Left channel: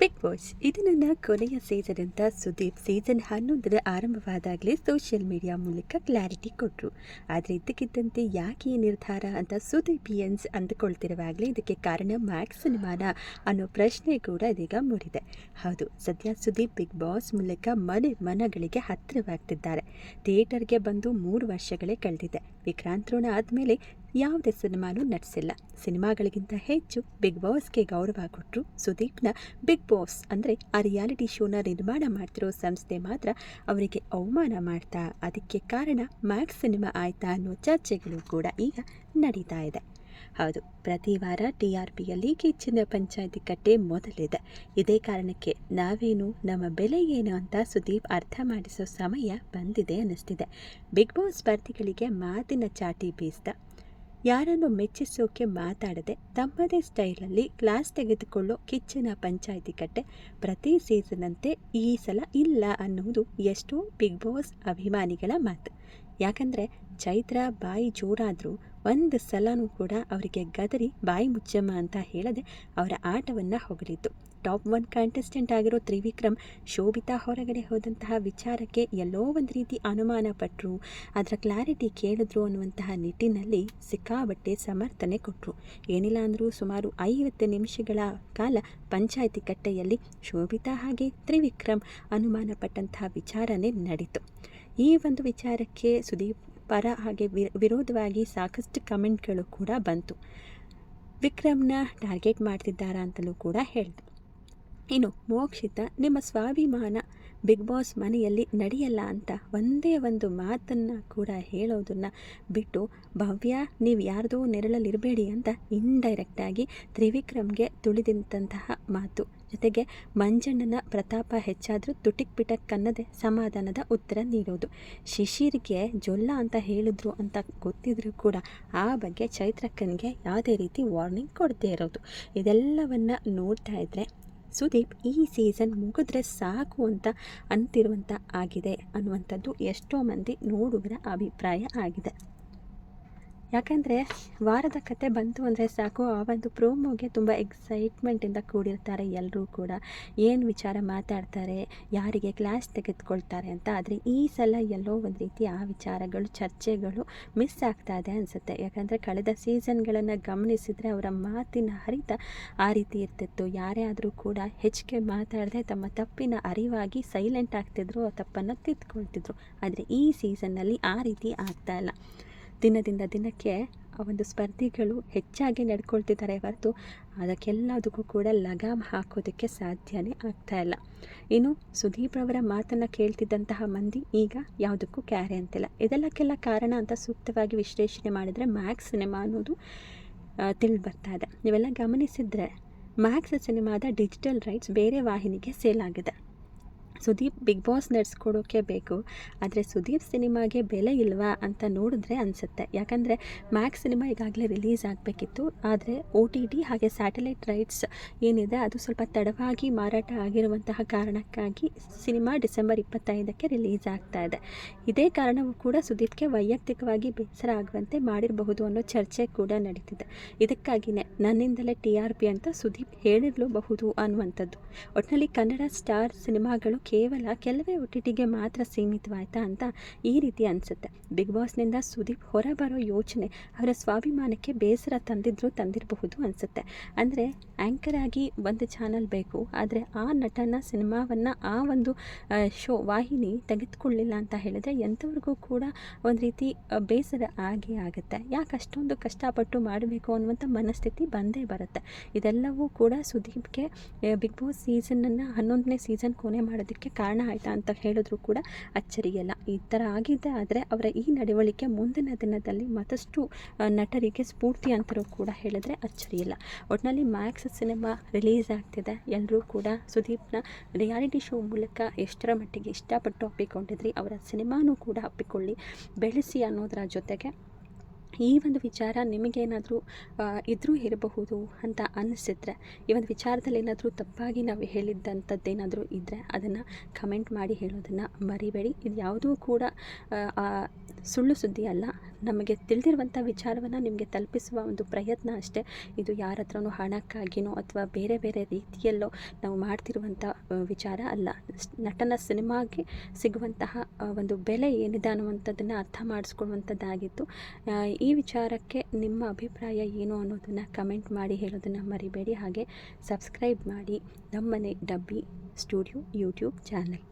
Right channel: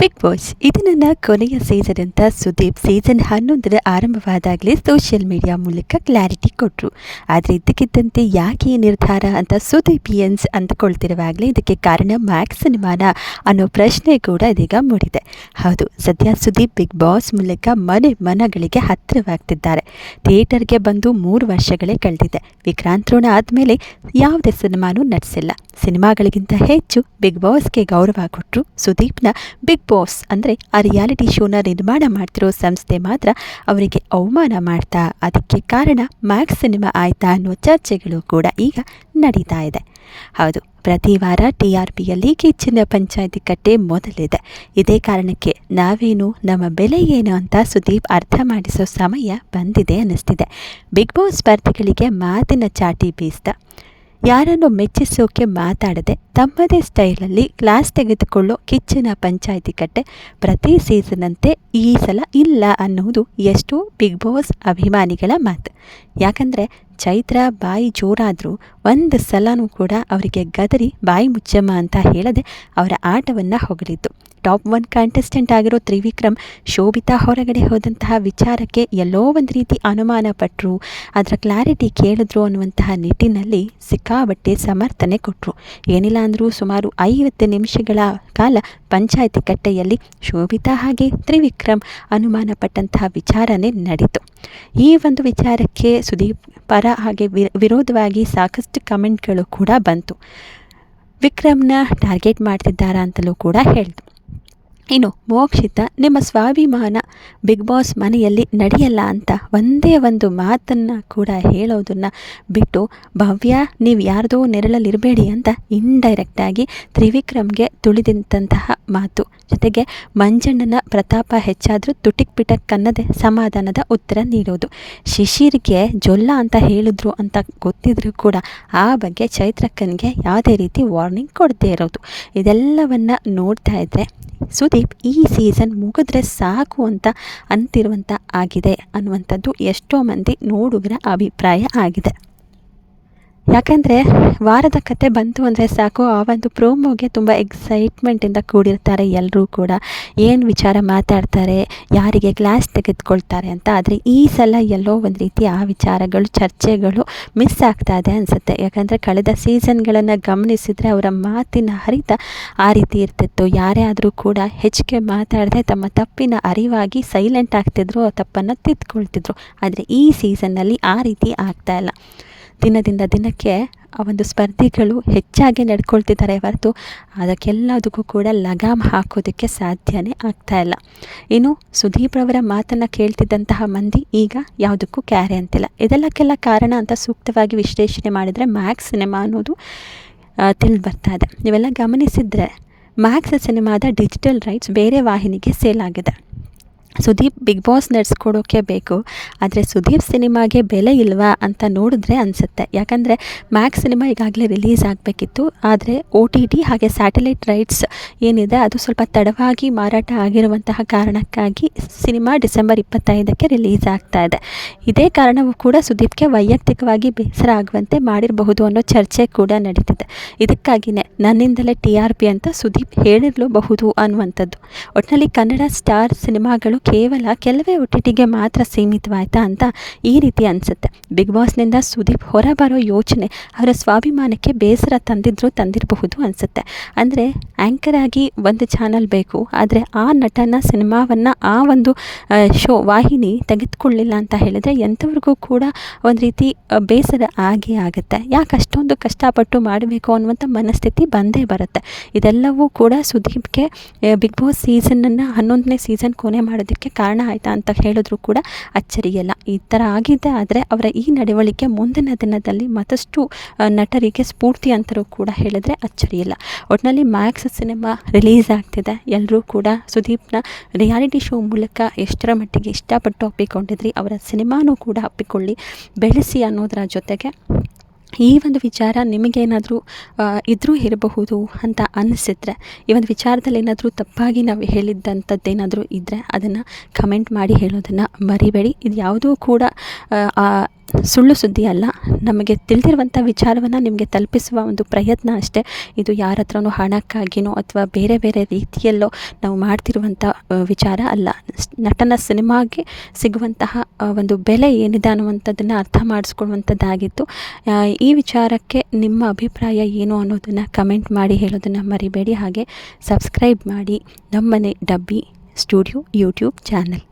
Big boss ಇದು ನನ್ನ ಕೊನೆಯ ಸೀಸನ್ ಅಂತ ಸುದೀಪ್ ಸೀಸನ್ 11 ಆರಂಭವಾದಾಗಲೇ ಸೋಷಿಯಲ್ ಮೀಡಿಯಾ ಮೂಲಕ ಕ್ಲಾರಿಟಿ ಕೊಟ್ಟರು. ಆದರೆ ಇದ್ದಕ್ಕಿದ್ದಂತೆ ಯಾಕೆ ಈ ನಿರ್ಧಾರ ಅಂತ ಸುದೀಪಿಯನ್ಸ್ ಅಂದುಕೊಳ್ತಿರುವಾಗಲೇ ಇದಕ್ಕೆ ಕಾರಣ ಮ್ಯಾಕ್ಸ್ ಸಿನಿಮಾನ ಅನ್ನೋ ಪ್ರಶ್ನೆ ಕೂಡ ಇದೀಗ ಮೂಡಿದೆ. ಹೌದು, ಸದ್ಯ ಸುದೀಪ್ ಬಿಗ್ ಬಾಸ್ ಮೂಲಕ ಮನೆ ಮನಗಳಿಗೆ ಹತ್ತಿರವಾಗ್ತಿದ್ದಾರೆ. ಥಿಯೇಟರ್ಗೆ ಬಂದು 3 ವರ್ಷಗಳೇ ಕಳೆದಿದೆ. ವಿಕ್ರಾಂತ್ ರೋಣ ಆದಮೇಲೆ ಯಾವುದೇ ಸಿನಿಮಾನೂ ನಟಿಸಿಲ್ಲ. ಸಿನಿಮಾಗಳಿಗಿಂತ ಹೆಚ್ಚು ಬಿಗ್ ಬಾಸ್ಗೆ ಗೌರವ ಕೊಟ್ಟರು. ಸುದೀಪ್ನ ಬಿಗ್ ಬಾಸ್ ಅಂದರೆ ಆ ರಿಯಾಲಿಟಿ ಶೋನ ನಿರ್ಮಾಣ ಮಾಡ್ತಿರೋ ಸಂಸ್ಥೆ ಮಾತ್ರ ಅವರಿಗೆ ಅವಮಾನ ಮಾಡ್ತಾ, ಅದಕ್ಕೆ ಕಾರಣ ಮ್ಯಾಕ್ಸ್ ಸಿನಿಮಾ ಆಯ್ತಾ ಅನ್ನೋ ಚರ್ಚೆಗಳು ಕೂಡ ಈಗ ನಡೀತಾ ಇದೆ. ಹೌದು, ಪ್ರತಿ ವಾರ TRPಯಲ್ಲಿ ಕಿಚ್ಚನ ಪಂಚಾಯಿತಿ ಕಟ್ಟೆ ಮೊದಲಿದೆ. ಇದೇ ಕಾರಣಕ್ಕೆ ನಾವೇನು ನಮ್ಮ ಬೆಲೆ ಏನು ಅಂತ ಸುದೀಪ್ ಅರ್ಥ ಮಾಡಿಸೋ ಸಮಯ ಬಂದಿದೆ ಅನ್ನಿಸ್ತಿದೆ. ಬಿಗ್ ಬಾಸ್ ಸ್ಪರ್ಧಿಗಳಿಗೆ ಮಾತಿನ ಚಾಟಿ ಬೀಸ್ದ, ಯಾರನ್ನು ಮೆಚ್ಚಿಸೋಕೆ ಮಾತಾಡದೆ ತಮ್ಮದೇ ಸ್ಟೈಲಲ್ಲಿ ಕ್ಲಾಸ್ ತೆಗೆದುಕೊಳ್ಳೋ ಕಿಚ್ಚನ ಪಂಚಾಯಿತಿ ಕಟ್ಟೆ ಪ್ರತಿ ಸೀಸನ್ನಂತೆ ಈ ಸಲ ಇಲ್ಲ ಅನ್ನೋದು ಎಷ್ಟೋ ಬಿಗ್ ಬಾಸ್ ಅಭಿಮಾನಿಗಳ ಮಾತು. ಯಾಕಂದರೆ ಚೈತ್ರ ಬಾಯಿ ಜೋರಾದರೂ ಒಂದು ಸಲನೂ ಕೂಡ ಅವರಿಗೆ ಗದರಿ ಬಾಯಿ ಮುಚ್ಚಮ್ಮ ಅಂತ ಹೇಳದೆ ಅವರ ಆಟವನ್ನು ಹೊಗಳಿದ್ದು. ಟಾಪ್ 1 ಕಂಟೆಸ್ಟೆಂಟ್ ಆಗಿರೋ ತ್ರಿವಿಕ್ರಮ್ ಶೋಭಿತಾ ಹೊರಗಡೆ ಹೋದಂತಹ ವಿಚಾರಕ್ಕೆ ಎಲ್ಲೋ ಒಂದು ರೀತಿ ಅನುಮಾನ ಪಟ್ಟರು, ಅದರ ಕ್ಲಾರಿಟಿ ಕೇಳಿದ್ರು ಅನ್ನುವಂತಹ ನಿಟ್ಟಿನಲ್ಲಿ ಸಿಕ್ಕಾಬಟ್ಟೆ ಸಮರ್ಥನೆ ಕೊಟ್ಟರು. ಏನಿಲ್ಲ ಅಂದರೂ ಸುಮಾರು 50 ನಿಮಿಷಗಳ ಕಾಲ ಪಂಚಾಯಿತಿ ಕಟ್ಟೆಯಲ್ಲಿ ಶೋಭಿತಾ ಹಾಗೆ ತ್ರಿವಿಕ್ರಮ್ ಅನುಮಾನ ಪಟ್ಟಂತಹ ವಿಚಾರನೇ ನಡೀತು. ಈ ಒಂದು ವಿಚಾರಕ್ಕೆ ಸುದೀಪ್ ಪರ ಹಾಗೆ ವಿರೋಧವಾಗಿ ಸಾಕಷ್ಟು ಕಮೆಂಟ್ಗಳು ಕೂಡ ಬಂತು. ವಿಕ್ರಮ್ನ ಟಾರ್ಗೆಟ್ ಮಾಡ್ತಿದ್ದಾರಾ ಅಂತಲೂ ಕೂಡ ಹೇಳಿತು. ಇನ್ನು ಮೋಕ್ಷಿತ, ನಿಮ್ಮ ಸ್ವಾಭಿಮಾನ ಬಿಗ್ ಬಾಸ್ ಮನೆಯಲ್ಲಿ ನಡೆಯಲ್ಲ ಅಂತ ಒಂದೇ ಒಂದು ಮಾತನ್ನು ಕೂಡ ಹೇಳೋದನ್ನು ಬಿಟ್ಟು, ಭವ್ಯ ನೀವು ಯಾರ್ದೋ ನೆರಳಲ್ಲಿರಬೇಡಿ ಅಂತ ಇಂಡೈರೆಕ್ಟಾಗಿ ತ್ರಿವಿಕ್ರಮ್ಗೆ ತುಳಿದಂತಹ ಮಾತು. ಜೊತೆಗೆ ಮಂಜಣ್ಣನ ಪ್ರತಾಪ ಹೆಚ್ಚಾದರೂ ತುಟಿಕ್ ಪಿಟಕ್ ಅನ್ನದೇ ಸಮಾಧಾನದ ಉತ್ತರ ನೀಡೋದು. ಶಿಶಿರ್ಗೆ ಜೊಲ್ಲ ಅಂತ ಹೇಳಿದ್ರು ಅಂತ ಗೊತ್ತಿದ್ರೂ ಕೂಡ ಆ ಬಗ್ಗೆ ಚೈತ್ರಕ್ಕನಿಗೆ ಯಾವುದೇ ರೀತಿ ವಾರ್ನಿಂಗ್ ಕೊಡದೇ ಇರೋದು. ಇದೆಲ್ಲವನ್ನು ನೋಡ್ತಾ ಇದ್ದರೆ ಸುದೀಪ್ ಈ ಸೀಸನ್ ಮುಗಿದ್ರೆ ಸಾಕು ಅಂತ ಅಂತಿರುವಂಥ ಆಗಿದೆ ಅನ್ನುವಂಥದ್ದು ಎಷ್ಟೋ ಮಂದಿ ನೋಡುಗರ ಅಭಿಪ್ರಾಯ ಆಗಿದೆ. ಯಾಕಂದರೆ ವಾರದ ಕತೆ ಬಂತು ಅಂದರೆ ಸಾಕು, ಆ ಒಂದು ಪ್ರೋಮೋಗೆ ತುಂಬ ಎಕ್ಸೈಟ್ಮೆಂಟಿಂದ ಕೂಡಿರ್ತಾರೆ ಎಲ್ಲರೂ ಕೂಡ. ಏನು ವಿಚಾರ ಮಾತಾಡ್ತಾರೆ, ಯಾರಿಗೆ ಕ್ಲಾಸ್ ತೆಗೆದುಕೊಳ್ತಾರೆ ಅಂತ. ಆದರೆ ಈ ಸಲ ಎಲ್ಲೋ ಒಂದು ರೀತಿ ಆ ವಿಚಾರಗಳು, ಚರ್ಚೆಗಳು ಮಿಸ್ ಆಗ್ತಾ ಇದೆ ಅನಿಸುತ್ತೆ. ಯಾಕಂದರೆ ಕಳೆದ ಸೀಸನ್ಗಳನ್ನು ಗಮನಿಸಿದರೆ ಅವರ ಮಾತಿನ ಹರಿತ ಆ ರೀತಿ ಇರ್ತಿತ್ತು. ಯಾರೇ ಆದರೂ ಕೂಡ ಹೆಚ್ಚಿಗೆ ಮಾತಾಡದೆ ತಮ್ಮ ತಪ್ಪಿನ ಅರಿವಾಗಿ ಸೈಲೆಂಟ್ ಆಗ್ತಿದ್ರು, ತಪ್ಪನ್ನು ತಿದ್ದುಕೊಳ್ತಿದ್ರು. ಆದರೆ ಈ ಸೀಸನ್ನಲ್ಲಿ ಆ ರೀತಿ ಆಗ್ತಾ ಇಲ್ಲ. ದಿನದಿಂದ ದಿನಕ್ಕೆ ಆ ಒಂದು ಸ್ಪರ್ಧಿಗಳು ಹೆಚ್ಚಾಗಿ ನಡ್ಕೊಳ್ತಿದ್ದಾರೆ ಹೊರತು ಅದಕ್ಕೆಲ್ಲದಕ್ಕೂ ಕೂಡ ಲಗಾಮ್ ಹಾಕೋದಕ್ಕೆ ಸಾಧ್ಯನೇ ಆಗ್ತಾ ಇಲ್ಲ. ಇನ್ನು ಸುದೀಪ್ ರವರ ಮಾತನ್ನು ಕೇಳ್ತಿದ್ದಂತಹ ಮಂದಿ ಈಗ ಯಾವುದಕ್ಕೂ ಕ್ಯಾರೆ ಅಂತಿಲ್ಲ. ಇದೆಲ್ಲಕ್ಕೆಲ್ಲ ಕಾರಣ ಅಂತ ಸೂಕ್ತವಾಗಿ ವಿಶ್ಲೇಷಣೆ ಮಾಡಿದರೆ ಮ್ಯಾಕ್ಸ್ ಸಿನಿಮಾ ಅನ್ನೋದು ತಿಳಿದು ಬರ್ತಾ ಇದೆ. ನೀವೆಲ್ಲ ಗಮನಿಸಿದರೆ ಮ್ಯಾಕ್ಸ್ ಸಿನಿಮಾದ ಡಿಜಿಟಲ್ ರೈಟ್ಸ್ ಬೇರೆ ವಾಹಿನಿಗೆ ಸೇಲ್ ಆಗಿದೆ. ಸುದೀಪ್ ಬಿಗ್ ಬಾಸ್ ನಡೆಸ್ಕೊಡೋಕ್ಕೆ ಬೇಕು, ಆದರೆ ಸುದೀಪ್ ಸಿನಿಮಾಗೆ ಬೆಲೆ ಇಲ್ವಾ ಅಂತ ನೋಡಿದ್ರೆ ಅನಿಸುತ್ತೆ. ಯಾಕಂದರೆ ಮ್ಯಾಕ್ಸ್ ಸಿನಿಮಾ ಈಗಾಗಲೇ ರಿಲೀಸ್ ಆಗಬೇಕಿತ್ತು. ಆದರೆ OTT ಹಾಗೆ ಸ್ಯಾಟಲೈಟ್ ರೈಟ್ಸ್ ಏನಿದೆ ಅದು ಸ್ವಲ್ಪ ತಡವಾಗಿ ಮಾರಾಟ ಆಗಿರುವಂತಹ ಕಾರಣಕ್ಕಾಗಿ ಸಿನಿಮಾ ಡಿಸೆಂಬರ್ 25ಕ್ಕೆ ರಿಲೀಸ್ ಆಗ್ತಾ ಇದೆ. ಇದೇ ಕಾರಣವೂ ಕೂಡ ಸುದೀಪ್ಗೆ ವೈಯಕ್ತಿಕವಾಗಿ ಬೇಸರ ಆಗುವಂತೆ ಮಾಡಿರಬಹುದು ಅನ್ನೋ ಚರ್ಚೆ ಕೂಡ ನಡೀತಿದೆ. ಇದಕ್ಕಾಗಿಯೇ ನನ್ನಿಂದಲೇ TRP ಅಂತ ಸುದೀಪ್ ಹೇಳಿರಲೂಬಹುದು ಅನ್ನುವಂಥದ್ದು. ಒಟ್ಟಿನಲ್ಲಿ ಕನ್ನಡ ಸ್ಟಾರ್ ಸಿನಿಮಾಗಳು ಕೇವಲ ಕೆಲವೇ OTTಗೆ ಮಾತ್ರ ಸೀಮಿತವಾಯ್ತಾ ಅಂತ ಈ ರೀತಿ ಅನಿಸುತ್ತೆ. ಬಿಗ್ ಬಾಸ್ನಿಂದ ಸುದೀಪ್ ಹೊರಬರೋ ಯೋಚನೆ ಅವರ ಸ್ವಾಭಿಮಾನಕ್ಕೆ ಬೇಸರ ತಂದಿರಬಹುದು ಅನಿಸುತ್ತೆ. ಅಂದರೆ ಆ್ಯಂಕರ್ ಆಗಿ ಒಂದು ಚಾನಲ್ ಬೇಕು, ಆದರೆ ಆ ನಟನ ಸಿನಿಮಾವನ್ನು ಆ ಒಂದು ಶೋ ವಾಹಿನಿ ತೆಗೆದುಕೊಳ್ಳಿಲ್ಲ ಅಂತ ಹೇಳಿದರೆ ಎಂಥವ್ರಿಗೂ ಕೂಡ ಒಂದು ರೀತಿ ಬೇಸರ ಆಗೇ ಆಗುತ್ತೆ. ಯಾಕೆ ಅಷ್ಟೊಂದು ಕಷ್ಟಪಟ್ಟು ಮಾಡಬೇಕು ಅನ್ನುವಂಥ ಮನಸ್ಥಿತಿ ಬಂದೇ ಬರುತ್ತೆ. ಇದೆಲ್ಲವೂ ಕೂಡ ಸುದೀಪ್ಗೆ ಬಿಗ್ ಬಾಸ್ ಸೀಸನನ್ನು 11ನೇ ಸೀಸನ್ ಕೊನೆ ಮಾಡೋದಕ್ಕೆ ಕಾರಣ ಆಯಿತಾ ಅಂತ ಹೇಳಿದ್ರು ಕೂಡ ಅಚ್ಚರಿಯಲ್ಲ. ಈ ಥರ ಆಗಿದೆ. ಆದರೆ ಅವರ ಈ ನಡವಳಿಕೆ ಮುಂದಿನ ದಿನದಲ್ಲಿ ಮತ್ತಷ್ಟು ನಟರಿಗೆ ಸ್ಫೂರ್ತಿ ಅಂತಲೂ ಕೂಡ ಹೇಳಿದ್ರೆ ಅಚ್ಚರಿಯಿಲ್ಲ. ಒಟ್ಟಿನಲ್ಲಿ ಮ್ಯಾಕ್ಸ್ ಸಿನಿಮಾ ರಿಲೀಸ್ ಆಗ್ತಿದೆ. ಎಲ್ಲರೂ ಕೂಡ ಸುದೀಪ್ನ ರಿಯಾಲಿಟಿ ಶೋ ಮೂಲಕ ಎಷ್ಟರ ಮಟ್ಟಿಗೆ ಇಷ್ಟಪಟ್ಟು ಒಪ್ಪಿಕೊಂಡಿದ್ರಿ, ಅವರ ಸಿನಿಮಾನೂ ಕೂಡ ಒಪ್ಪಿಕೊಳ್ಳಿ, ಬೆಳೆಸಿ ಅನ್ನೋದರ ಜೊತೆಗೆ ಈ ಒಂದು ವಿಚಾರ ನಿಮಗೇನಾದರೂ ಇದ್ರೂ ಇರಬಹುದು ಅಂತ ಅನಿಸಿದ್ರೆ, ಈ ಒಂದು ವಿಚಾರದಲ್ಲಿ ಏನಾದರೂ ತಪ್ಪಾಗಿ ನಾವು ಹೇಳಿದ್ದಂಥದ್ದೇನಾದರೂ ಇದ್ದರೆ ಅದನ್ನು ಕಮೆಂಟ್ ಮಾಡಿ ಹೇಳೋದನ್ನು ಮರಿಬೇಡಿ. ಇದು ಯಾವುದೂ ಕೂಡ ಸುಳ್ಳು ಸುದ್ದಿ ಅಲ್ಲ, ನಮಗೆ ತಿಳಿದಿರುವಂಥ ವಿಚಾರವನ್ನು ನಿಮಗೆ ತಲುಪಿಸುವ ಒಂದು ಪ್ರಯತ್ನ ಅಷ್ಟೇ. ಇದು ಯಾರ ಹತ್ರನೂ ಹಣಕ್ಕಾಗಿನೋ ಅಥವಾ ಬೇರೆ ಬೇರೆ ರೀತಿಯಲ್ಲೋ ನಾವು ಮಾಡ್ತಿರುವಂಥ ವಿಚಾರ ಅಲ್ಲ. ನಟನ ಸಿನಿಮಾಗೆ ಸಿಗುವಂತಹ ಒಂದು ಬೆಲೆ ಏನಿದೆ ಅನ್ನುವಂಥದ್ದನ್ನು ಅರ್ಥ ಮಾಡಿಸ್ಕೊಳ್ಳುವಂಥದ್ದಾಗಿತ್ತು. ಈ ವಿಚಾರಕ್ಕೆ ನಿಮ್ಮ ಅಭಿಪ್ರಾಯ ಏನು ಅನ್ನೋದನ್ನು ಕಮೆಂಟ್ ಮಾಡಿ ಹೇಳೋದನ್ನು ಮರಿಬೇಡಿ. ಹಾಗೆ ಸಬ್ಸ್ಕ್ರೈಬ್ ಮಾಡಿ ನಮ್ಮನೆ ಡಬ್ಬಿ ಸ್ಟುಡಿಯೋ ಯೂಟ್ಯೂಬ್ ಚಾನಲ್.